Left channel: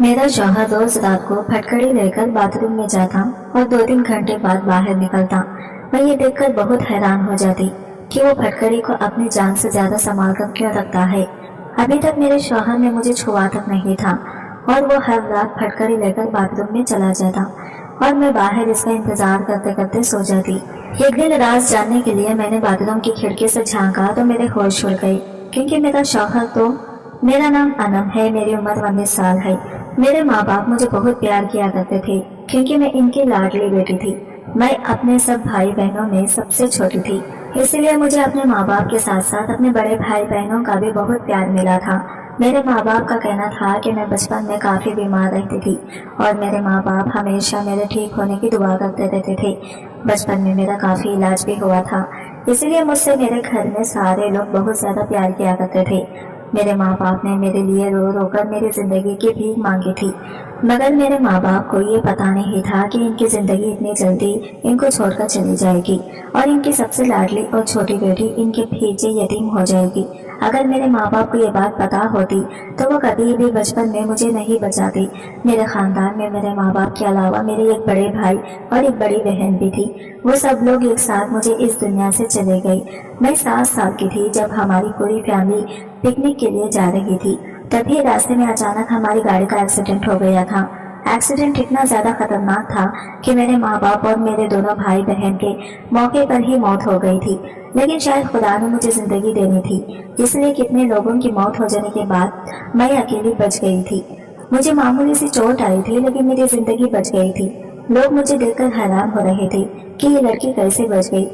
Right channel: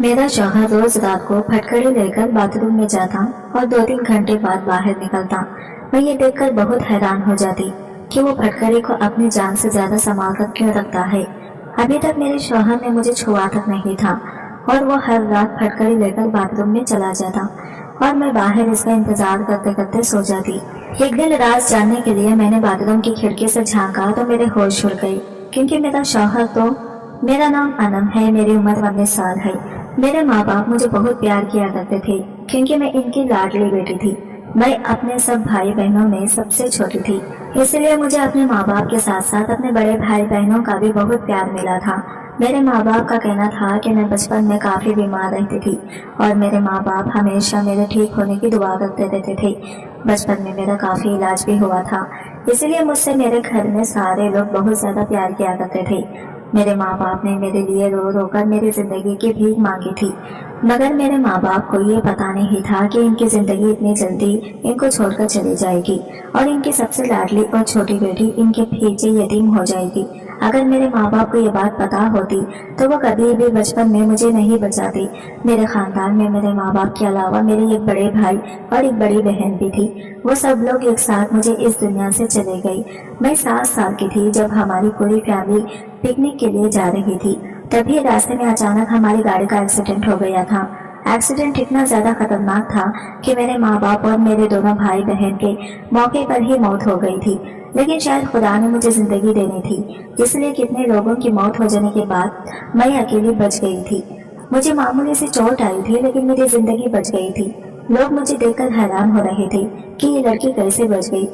मेरा शौहर रोज रात को फटकड़ी लेकर बाथरूम में जाता और 2-3 घंटे बाद बाहर निकलता। मैं ये देखकर बहुत हैरान हो जाती कि वो फटकड़ी को अपनी जान से ज्यादा संभाल कर क्यों रखता है। अभी तक मेरे शौहर ने मुझे छुआ तक नहीं था और वो हर रात फटकड़ी लेकर बाथरूम में चला जाता और मैं बाहर इसका इंतजार करते करते सो जाती। एक दिन राज जानने के लिए मैंने बाथरूम की खिड़की से झांका तो मेरे होश उड़ गए, क्योंकि मेरा शौहर तो मेरा नाम अनम है, मेरी उम्र 19 साल है। मेरे माँ बाप मुझे बहुत प्यार किया करते थे, क्योंकि मैं इनकी लाडली बेटी थी। मैं अपने सब भाई बहनों में सबसे छोटी थी, इसलिए मुझे अपने माँ बाप के साथ साथ अपने बड़े भाई बहनों का भी बहुत प्यार मिला था। मेरे माँ बाप का कहना था कि मैं बचपन में काफ़ी बीमार रहती थी और मेरे माँ बाप हमेशा मेरे ठीक होने की दुआ करते रहते थे। बचपन में मेरा काफ़ी इलाज भी हुआ था, इसलिए मुझसे मेरे घर में सारे लोग बहुत ज़्यादा प्यार किया करते थे। मेरे माँ बाप ने मेरे लिए रो रो कर मेरी ज़िंदगी की भीख मांगी थी, मगर मेरे माँ बाप को ये पता नहीं था कि इनकी ज़िंदगी इतनी जल्दी इनको छोड़कर चली जाएगी और इनकी सबसे लाडली और छोटी बेटी इनके पीछे यतीम हो जाएगी। अगर मेरे माँ बाप को ये बात पता होती तो वो कभी भी बचपन में मुझे नहीं बचाती। मेरे ख़ानदान में मेरे माँ बाप के अलावा मेरे एक बड़े भाई और एक बड़ी बहन भी थी। वो सब लोग एक साथ मुझे इस दुनिया से चले गए। मैं 7 साल की थी जब हमारी पूरी फैमिली पिकनिक के लिए जा रही थी। तभी रास्ते में अचानक हमारी गाड़ी का एक्सीडेंट हो गया था। एक्सीडेंट इतना ज़्यादा खतरनाक था कि मेरे माँ बाप और मेरे दोनों भाई बहन के मौके पर ही मौत हो गई थी, लेकिन शायद खुदा ने मुझे ज़िंदगी देनी थी, इसलिए कितने लोगों की मौत हो जाने के बाद मैं अकेली बच गई थी। मुझे मामूली सी चोट आई थी, लेकिन मेरी ज़िंदगी बच गई थी। लोग मुझे देखकर हैरान हो रहे थे कि ये लड़की कैसे बच गई।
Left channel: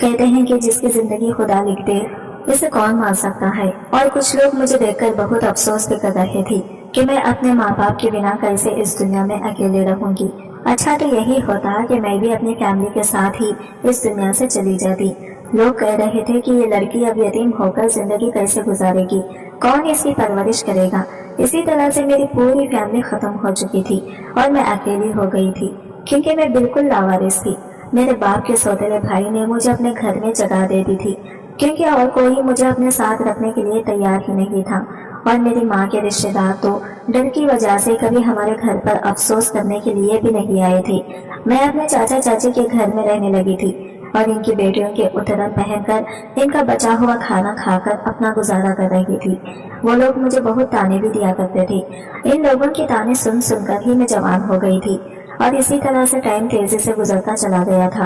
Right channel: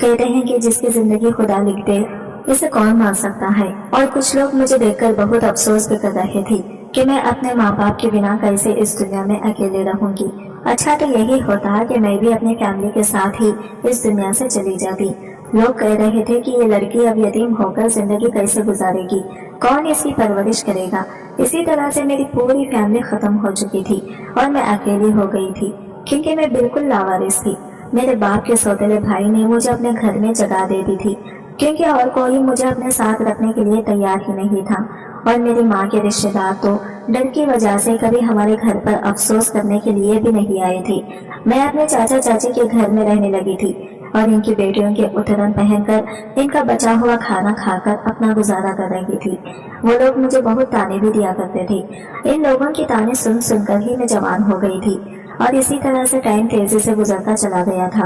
कहते हैं कि जिसकी ज़िंदगी खुदा लिख दे इसे कौन मार सकता है। और कुछ लोग मुझे देखकर बहुत अफसोस भी कर रहे थे कि मैं अपने माँ बाप के बिना कैसे इस दुनिया में अकेले रहूंगी। अच्छा तो यही होता कि मैं भी अपनी फैमिली के साथ ही इस दुनिया से चली जाती। लोग कह रहे थे कि ये लड़की अब यतीम होकर जिंदगी कैसे गुजारेगी, कौन इसकी परवरिश करेगा। इसी तरह से मेरी पूरी फैमिली खत्म हो चुकी थी और मैं अकेली हो गई थी, क्योंकि मैं बिल्कुल लावारिस थी। मेरे बाप के सौतेले भाई ने मुझे अपने घर में जगह दे दी थी, क्योंकि और कोई मुझे अपने साथ रखने के लिए तैयार ही नहीं था। और मेरी माँ के रिश्तेदार तो डर की वजह से कभी हमारे घर पर अफसोस करने के लिए भी नहीं आए थे। मैं अपने चाचा चाची के घर में रहने लगी थी और इनकी बेटियों के उतरन पहनकर इनका बचा हुआ खाना खाकर अपना गुजारा कर रही थी। वो लोग मुझे बहुत ताने भी दिया करते थे। इन लोगों की ताने सुन सुनकर ही मैं जवान हो गई थी और इसी तरह से टाइम तेजी से गुजरता चला गया था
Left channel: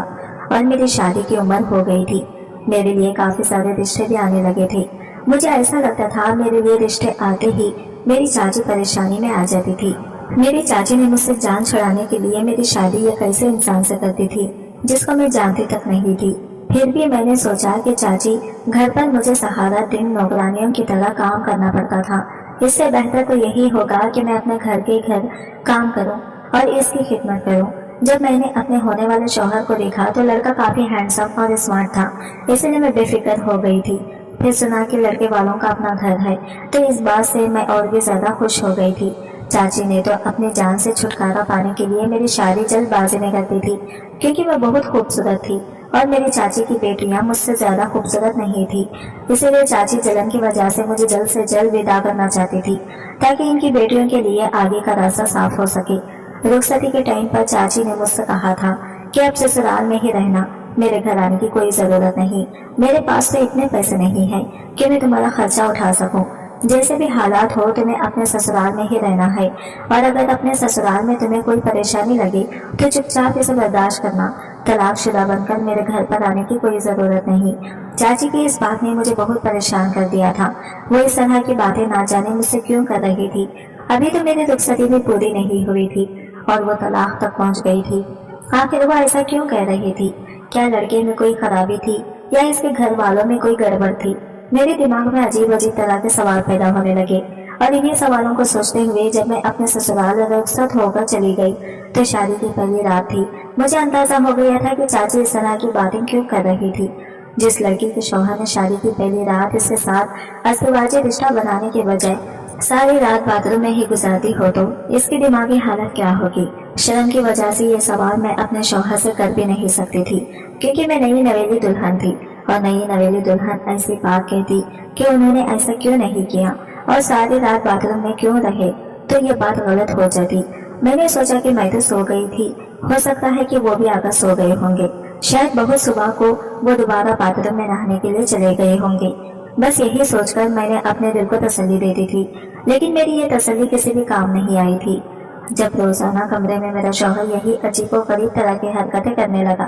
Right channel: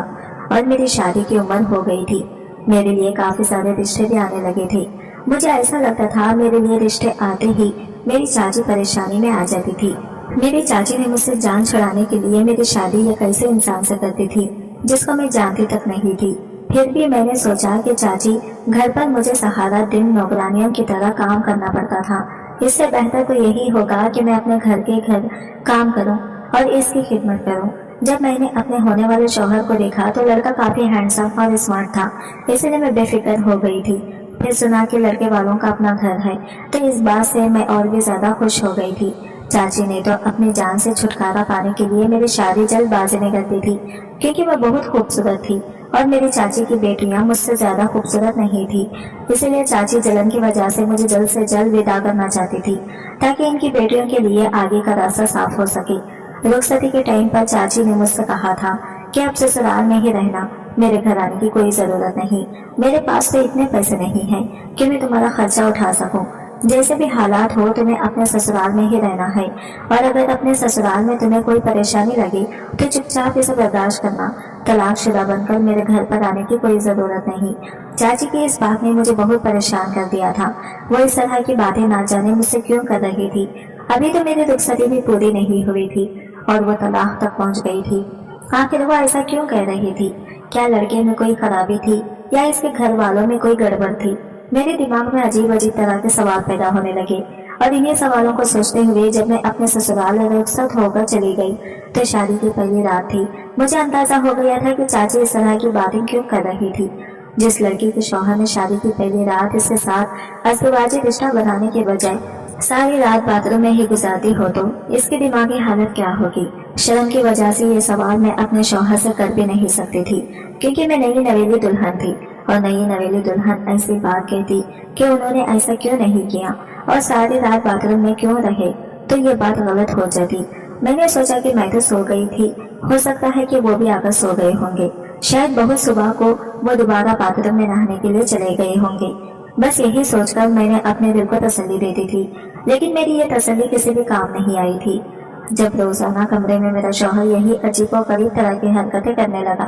और मेरी शादी की उम्र हो गई थी। मेरे लिए काफी सारे रिश्ते भी आने लगे थे। मुझे ऐसा लगता था मेरे लिए रिश्ते आते ही मेरी चाची परेशानी में आ जाती थी। मेरी चाची ने मुझसे जान छुड़ाने के लिए मेरी शादी एक ऐसे इंसान से करती थी जिसको मैं जानती तक नहीं थी। फिर भी मैंने सोचा कि चाची घर पर मुझे सहारा दिन नौकरानियों की तरह काम करना पड़ता था। इससे बेहतर तो यही होगा कि मैं अपने घर के घर काम करूं और इसकी खिदमत करूं। जब मैंने अपने होने वाले शौहर को देखा तो लड़का काफी हैंडसम और स्मार्ट था, इसलिए मैं बेफिक्र हो गई थी। फिर सुना कि लड़के वालों का अपना घर है, तो इस बात से मैं और भी ज्यादा खुश हो गई थी। चाची ने तो अपनी जान से छुटकारा पाने के लिए मेरी शादी जल्दबाजी में कर दी थी, क्योंकि मैं बहुत खूबसूरत थी और मेरी चाची की बेटियां मुझसे ज्यादा खूबसूरत नहीं थी। इसीलिए चाची जलन की वजह से मुझे जल्द से जल्द विदा करना चाहती थी, ताकि इनकी बेटियों के लिए आगे का रास्ता साफ हो सके। रुखसती के टाइम पर चाची ने मुझसे कहा था कि अब ससुराल में ही रहना, मेरे घर आने की कोई जरूरत नहीं। मेरे पास तो इतने पैसे नहीं हैं कि मैं तुम्हारा खर्चा उठा सकूं। जैसे भी हालात हो तुम्हें अपने ससुराल में ही रहना है, और अगर अपने ससुराल में तुम्हें कोई परेशानी लगे तो चुपचाप इसे बर्दाश्त करना। तलाकशुदा बनकर मेरे घर पर आने की कोई जरूरत नहीं। चाची की इस बात ने मुझे बहुत परेशान कर दिया था। वो इस तरह की बातें ना जाने मुझसे क्यों कर रही थी। अभी तो मेरी रुखसती भी पूरी नहीं हुई थी और वो तलाक तक पहुंच गई थी। आखिर वो ऐसा क्यों कह रही थी? क्या लड़के में कोई खराबी थी या इसके घर वालों में कोई गड़बड़ थी? मेरे दिमाग में अजीब अजीब तरह के सवाल पैदा होने लगे और इन्हीं सवालों को सोचते हुए जब मैं अपने ससुराल रुखसत होकर चली गई तो शादी की पहली रात थी। मुझे अंदाजा हो गया था कि चाची इस तरह की बातें क्यों कर रही थी। जिस लड़की के शौहर ने शादी की पहली रात इसके साथ अस्तवाजी रिश्ता बनाने के बजाय सारी रात बाथरूम में ही गुजारती हो तो इसकी दिमागी हालत क्या होगी। शर्म की वजह से ये सवाल मैं अपने शौहर से कर भी नहीं सकती थी, क्योंकि मैं नई नवेली दुल्हन थी और नई नवेली दुल्हन ऐसी बात कहती कि उन्होंने ऐसा क्यों नहीं किया और सारी रात बाथरूम में क्यों रहे, तो ये बात गलत हो जाती। मैंने सोचा कि मैं तो सो गई थी, हो सकता है कि वो भी आकर सो गए होंगे। शायद बहुत सुबह को वो दोबारा बाथरूम में नहाने के लिए चले गए होंगे। बस यही सोचकर मैंने अपने दिल को तसल्ली दे दी थी, लेकिन मेरी ये तसल्ली किसी भी काम नहीं आई थी। जब रोजाना कमरे में मेरा शौहर यही अजीबोगरीब तरह की हरकतें करने लगा।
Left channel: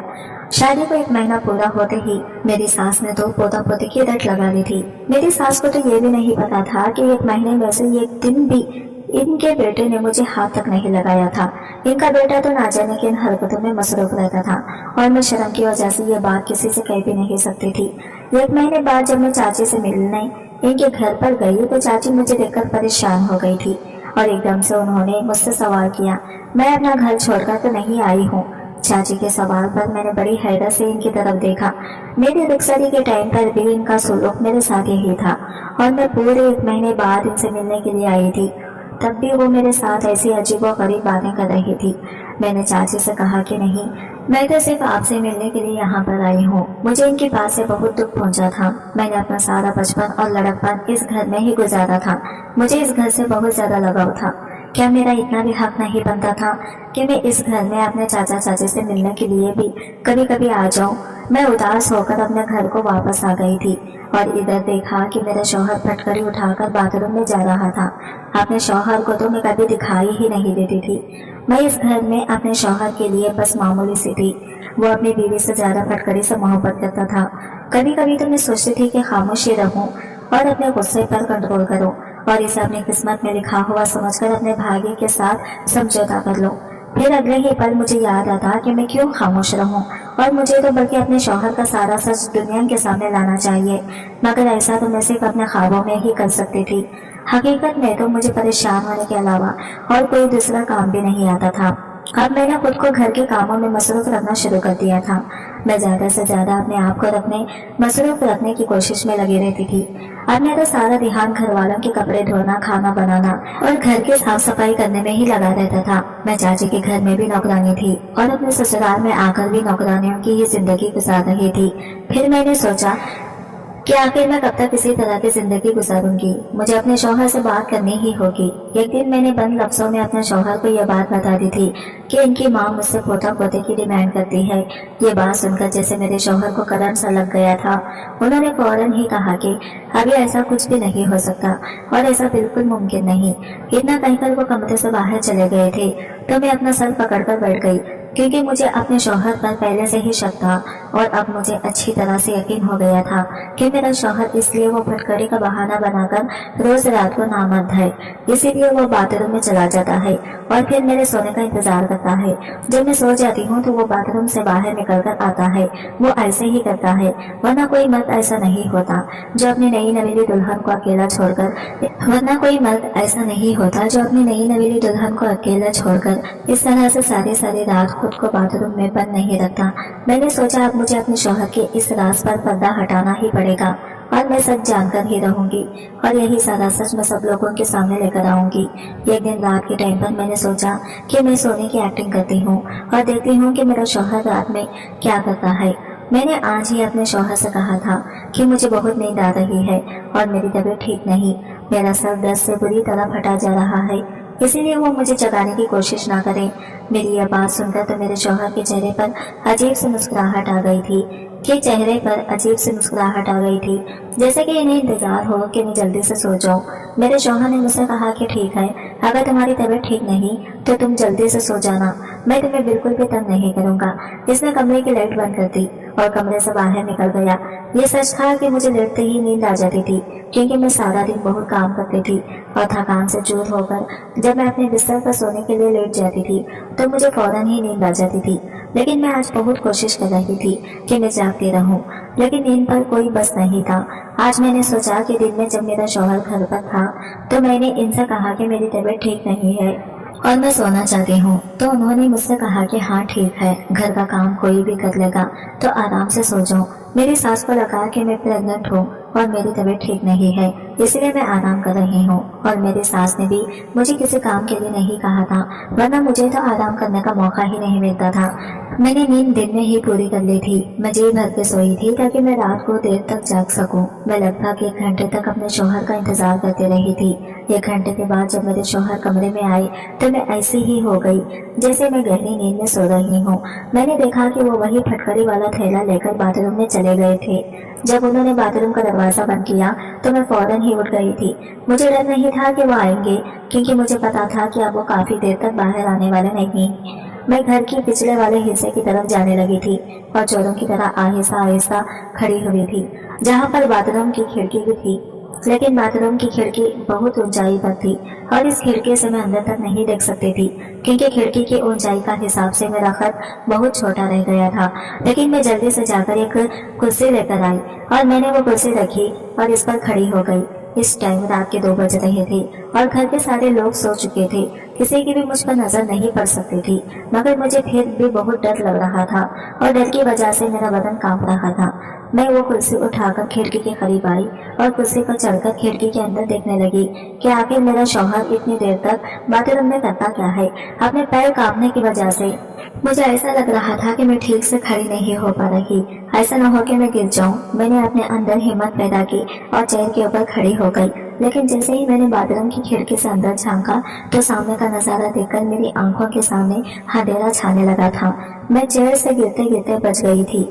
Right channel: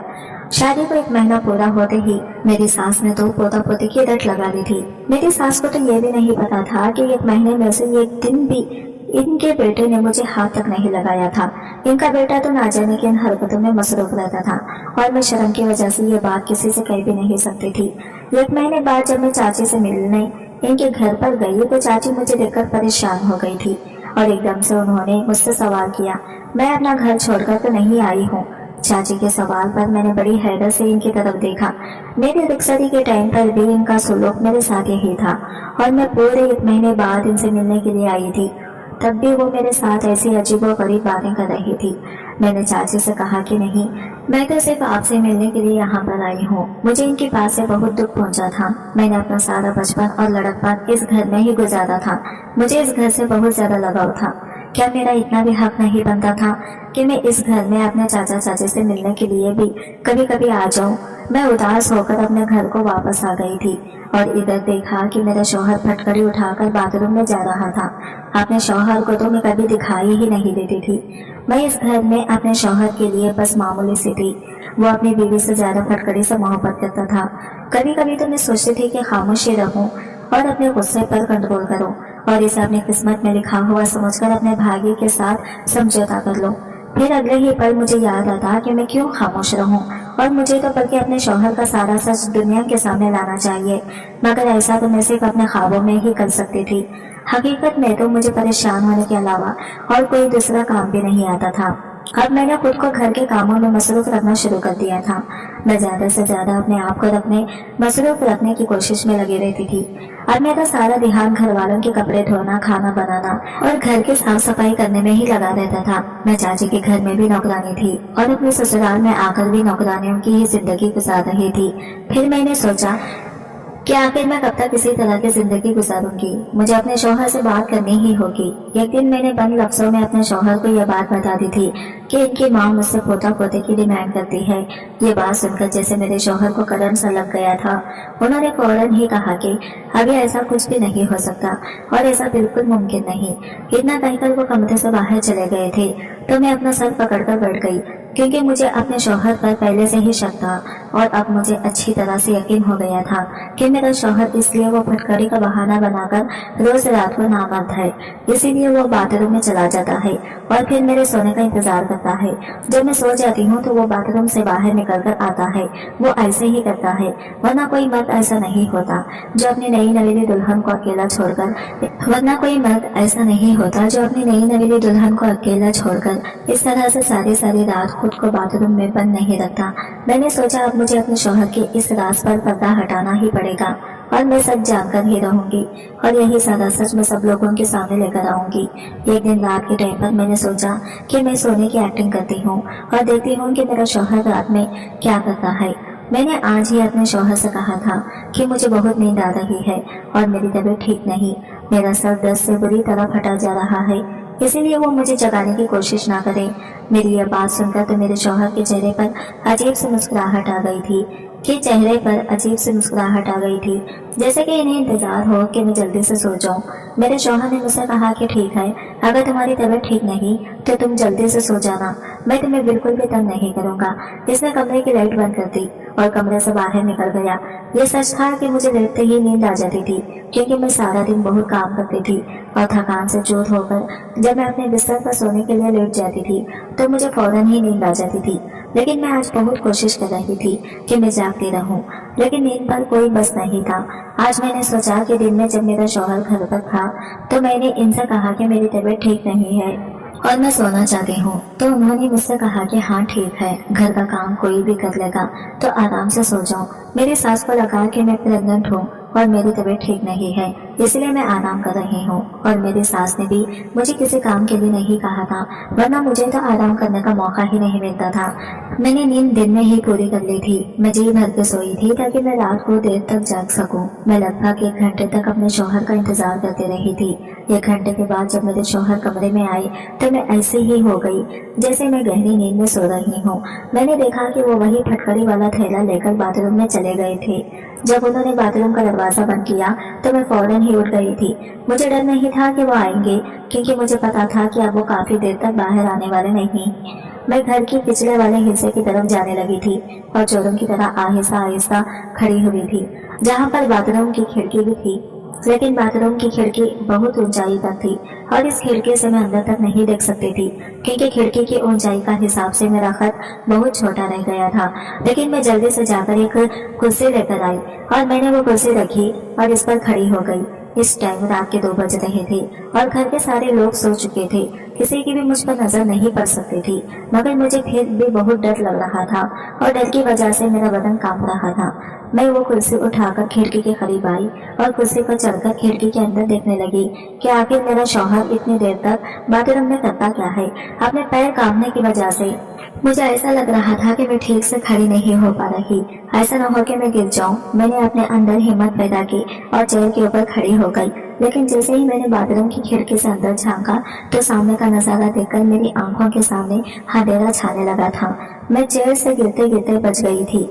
शादी को 1 महीना पूरा होते ही मेरी सास ने तो पोता पोती की रट लगा ली थी। मेरी सास को तो ये भी नहीं पता था कि 1 महीने में से 1 दिन भी इनके बेटे ने मुझे हाथ तक नहीं लगाया था। इनका बेटा तो ना जाने की इन हरकतों में मसरूफ रहता था और मैं शर्म की वजह से ये बात किसी से कह भी नहीं सकती थी। 1 महीने बाद जब मैं चाची से मिलने इनके घर पर गई तो चाची मुझे देखकर परेशान हो गई थी और एकदम से उन्होंने मुझसे सवाल किया, मैं अपना घर छोड़कर तो नहीं आई हूँ। चाची के सवाल पर मैंने बड़ी हैरत से इनकी तरफ देखा। मेरी रुखसती के टाइम पर भी इनका सुलूक मेरे साथ यही था और मैं पूरे 1 महीने बाद इनसे मिलने के लिए आई थी। तब भी वो मेरे साथ ऐसी अजीबोगरीब बातें कर रही थी। मैंने चाची से कहा कि नहीं, मैं तो सिर्फ आपसे मिलने के लिए यहाँ पर आई हूँ। मुझे इनकी बात से बहुत दुख पहुँचा था। मैंने अपना सारा बचपन और लड़कपन इस घर में ही गुजारा था। मुझे इस घर से बहुत ज्यादा लगाव था। क्या मेरा इतना भी हक नहीं बनता था कि मैं इस घर में अपने चाचा चाची से मिलने के लिए भी कभी कभी आ जाऊं? मैं उदास होकर अपने घर को वापस आ गई थी और इधर देखा कि मेरा शौहर फटकड़ी उठाकर बाथरूम में जा रहा था। अपने शौहर को तो मैं कभी दिखाई ही नहीं देती थी। मैं इस घर में अपने शौहर के लिए बस मामूली सी थी। वो अपनी बीवी से ज्यादा फटकड़ी से मोहब्बत करता था। कभी कभी तो मैं सोचती थी कि खामोश ही रहूं और अपने गुस्से पर कंट्रोल करूं और इसे अपनी किस्मत में लिखा हुआ समझकर अपने भाग्य के साथ समझौता कर लूं। फिर अगले ही पल मुझे याद आता कि मैं क्यों खामोश रहूं और मुझे तो बल्कि अपने शौहर का सारा सच दुनिया के सामने लाना चाहिए। मगर ऐसा तो मैं सिर्फ अपने ख्वाबों में ही कर सकती थी। हकीकत में तो मुझे परेशान होने के अलावा और कोई दूसरा काम भी नहीं आता था। अब मैंने खुद को घर के कामों में मसरूफ रखना शुरू कर दिया था। मैं ज्यादा से ज्यादा अपने आप को मसरूफ रखने की कोशिश में लगी रहती थी। अब मेरा सारा ध्यान घर वालों के कपड़े धोना, खाना बनाना और घर की साफ सफाई करने में ही लगा रहता था। मैं चाची के घर में भी नौकरानी थी और अपने ससुराल में आकर भी नौकरानियों की ही जिंदगी गुजार रही थी। फिर मैंने सोचा कि आखिर मैं कब तक इसी तरह की जिंदगी गुजारूंगी। मुझे अपने शौहर से बात करनी ही होगी। एक दिन मैंने बंद लफ्जों में अपने शौहर को यह बात बता दी थी कि इनकी माँ मुझसे पोता पोते की डिमांड करती है। ये बात सुनकर जैसे मेरे शौहर को करंट सा लग गया था। उन्होंने फौरन ही कहा कि अभी ऐसा कुछ भी नहीं हो सकता और ऐसा बिल्कुल मुमकिन नहीं। इतना कहकर वो कमरे से बाहर चले गए थे तो मैं अपना सर पकड़कर बैठ गई, क्योंकि मुझे अपने शौहर पर पहले से ही शक था और अब मुझे अच्छी तरह से यकीन हो गया था कि मेरा शौहर इसलिए वो फटकड़ी का बहाना बनाकर रोज रात को नामर्द है, इसीलिए वो बाथरूम में चला जाता है और फिर मेरे सोने का इंतजार करता है। जब मैं सो जाती हूँ तो वो बाथरूम से बाहर निकल कर आता है। वो ऐसे ही करता है, वरना कोई मर्द ऐसा नहीं होता जो अपनी नई नवेली दुल्हन को अकेला छोड़कर इस तरह से सारी रात खुद को बाथरूम में बंद नहीं रखता। मैंने सोचा अब मुझे अपने शौहर के इस राज पर पर्दा हटाना ही पड़ेगा और मैं सच जानकर ही रहूंगी और यही सारा सच मैं सब लोगों के सामने लेकर आऊंगी। एक दिन रात के टाइम पर मैंने सोचा कि मैं सोने की एक्टिंग करती हूँ और देखती हूँ कि मेरा शौहर रात में क्या करता है। मैंने आज ही अपने शौहर से कहा था कि मुझे बहुत नींद आ रही है और मेरी तबीयत ठीक नहीं, मेरा सर दर्द से बुरी तरह फटा जा रहा है, इसीलिए वो मुझे जगाने की कोशिश ना करें। मेरी यह बात सुनकर तो मेरे शौहर के चेहरे पर अजीब सी मुस्कुराहट आ गई थी जैसे कि इन्हें इंतजार हो कि मैं जल्दी से सो जाऊं। मेरे शौहर ने मुझसे कहा कि ठीक है, अगर तुम्हारी तबीयत ठीक नहीं तो तुम जल्दी से सो जाना, मैं तुम्हें बिल्कुल भी तंग नहीं करूंगा। इसने कमरे की लाइट बंद कर दी और कमरे से बाहर निकल गया। ये सच था कि मुझे लेटते ही नींद आ जाती थी, क्योंकि मैं सारा दिन बहुत काम करती थी और थकान से चूर होकर जब मैं अपने बिस्तर पर सोने के लिए लेट जाती थी तो मुझे फौरन ही नींद आ जाती थी। लेकिन मैं आज बहुत कोशिश कर रही थी कि मैं जागती रहूं, लेकिन नींद पर कोई बस नहीं था। आज मैंने सोचा कि दिन में जब मेरा शौहर घर पर था तो मैंने इनसे कहा कि मेरी तबीयत ठीक नहीं है और मैं सोना चाहती हूँ, तो उन्होंने मुझसे कहा कि हाँ ठीक है, घर का काम कोई भी कर लेगा तो आराम से सो जाओ। मेरी सास को लगा कि मैं प्रेग्नेंट हूँ और मेरी तबीयत ठीक नहीं है, इसलिए मैं आराम कर रही हूँ और मेरी सास ने भी मुझे किसी काम के लिए नहीं कहा था, वरना मुझे तो आराम करने का मौका ही नहीं मिलता था। मैंने नींद दिन में ही पूरी कर ली थी। मैं जी भर के सोई थी ताकि मैं रात को देर तक जाग सकूं। मैं लगभग 1 घंटे तक अपने शौहर का इंतजार करती रही थी। 1 घंटे के बाद जब मेरे शौहर कमरे में आए तो मैं ऐसी ही हो गई जैसे मैं गहरी नींद में सो रही हूँ। मैंने देखा कि वो वही फटकड़ी वाला थैला लेकर बाथरूम में चले गए थे। जब उन्होंने बाथरूम का दरवाजा बंद किया तो मैं फौरन ही उठ गई थी। मुझे डर नहीं था कि वो आएंगे, क्योंकि मुझे पता था कि अब वो काफी देर तक बाहर आने वाले नहीं। मैं घर की पिछले वाले हिस्से की तरफ जाने लगी थी और चोरों की तरह आहिस्ता आहिस्ता खड़ी हुई थी, जहाँ पर बाथरूम की खिड़की भी थी। लेकिन बाथरूम की खिड़की बहुत ऊंचाई पर थी और इस खिड़की से मैं अंदर तक नहीं देख सकती थी, क्योंकि खिड़की की ऊंचाई का हिसाब से मेरा खत बहुत छोटा रह गया था। लेकिन मैं जल्दी से जाकर एक कुर्सी लेकर आई और मैंने वो कुर्सी रखी और इस पर खड़ी हो गई। इस टाइम रात के 2 बज रहे थे और घर के सारे लोग सो चुके थे। किसी की भी मुझ पर नजर नहीं पड़ सकती थी, मगर मुझे फिर भी बहुत डर लग रहा था और डर की वजह से मेरा बदन कांप रहा था। मैं वो कुर्सी उठाकर खिड़की के करीब आई और कुर्सी पर चढ़कर खिड़की के अंदर देखने लगी कि आखिर मेरा शौहर इतनी देर तक बाथरूम में करता क्या है। अपने पैर कांपने की वजह से मुझे ऐसा लग रहा था कि मैं ठीक से खड़ी नहीं हो पा रही, ऐसा न हो कि मैं गिर जाऊं। मैंने अपने अंदर हिम्मत पैदा की और चेयर के ऊपर खड़ी हो गई। लेकिन जैसे ही मैंने बाथरूम की खिड़की से अंदर झांका तो सामने का नजारा देखकर मेरी आंखों के सामने अंधेरा छाने लगा था। मैं चेयर से गिरते गिरते बच गई थी।